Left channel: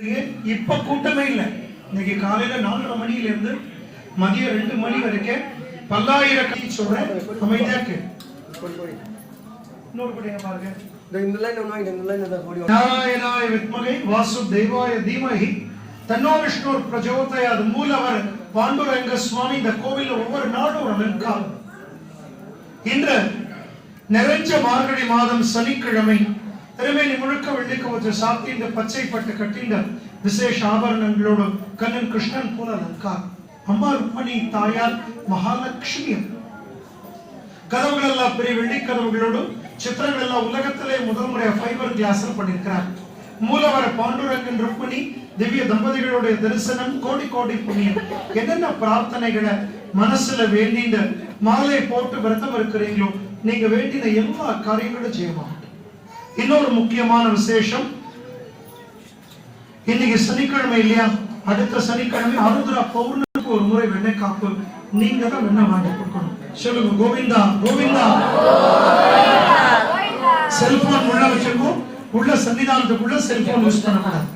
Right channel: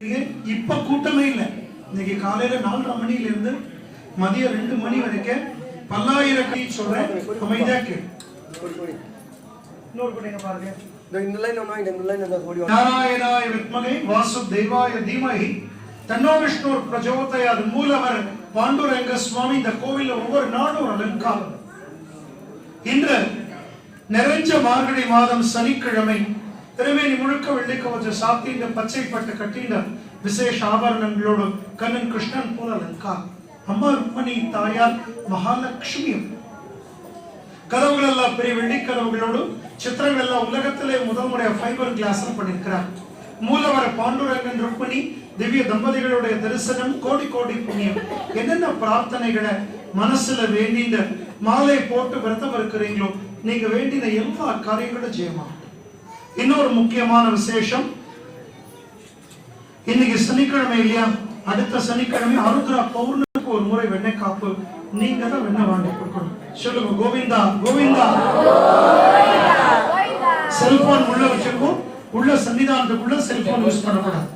இப்ப கூட்டமே இல்ல. இன்னைக்கு காலையில 4:30 மணில இருந்து மதியம் 2 மணி வரைக்கும் பல்லாயிரக்கணக்கான சொல்றேன் அமைதியாக்கு இன்னொரு படிங்க பாருங்க. இந்த லைன் ஒண்ணா இந்த லைன் அந்த கோடி நாராயணாய வித்மகே வாசுதேவாய தீமஹி தன்னோ விஷ்ணு பிரச்சோதயாத். மூலவர் பாண்டுரங்க சுவாமி இந்த கோவில்ல ஒவ்வொரு நாளும் அலங்காரம். இன்று நிறைஞ்ச மார்கழி மாதம் சனிக்கிழமை திருமேனி முழுக்க வெள்ளிக்கவச்ச சாத்தி இந்த பச்சை பட்டு கட்டின்ற விசேஷ ஆபரணங்களோடு கண்ணன் கிருஷ்ணன் போல அலங்காரம். அம்மா ருக்மணி தாயார் மகாலட்சுமி கதவுகள் எல்லாம் பெரிய வெள்ளி கதவுகளோடு சித்திரங்கள் எல்லாம் உலகத்திலே முதல் முறையா ஃபைபர் கிளாஸ் பண்ணிருக்கிறார். மூலவர பாண்டுரங்கன் ருக்மணி திவ்ய தம்பதிகளுடைய தரிசனம் கோடி கோடி புண்ணியம். என்னென்ன பிரார்த்தனைகளை மனசுல வேண்டின மாலை போட்டு விரதம் இருக்கிறீங்களோ நீங்க வேண்டின எல்லா காரியங்களும் செய்யலாம். இன்னொரு முக்கியமான விசேஷம், இன்னைக்கு சனிக்கிழமை இல்லையா, அடுத்த சனிக்கிழமை ஆருத்ரா பௌர்ணமிக்கு ஒரு முறை வெண்ணெய் காப்பு நீங்க தான் வெண்ணெய் வாங்கி கொடுக்கணும். சொல்லுங்க கோவிந்தா கோவிந்தா. செல்போன் உள்ள வச்சிருக்கோம், உள்ள சன்னிதானத்துக்குள்ள செல்போன் யூஸ் பண்ணக்கூடாது.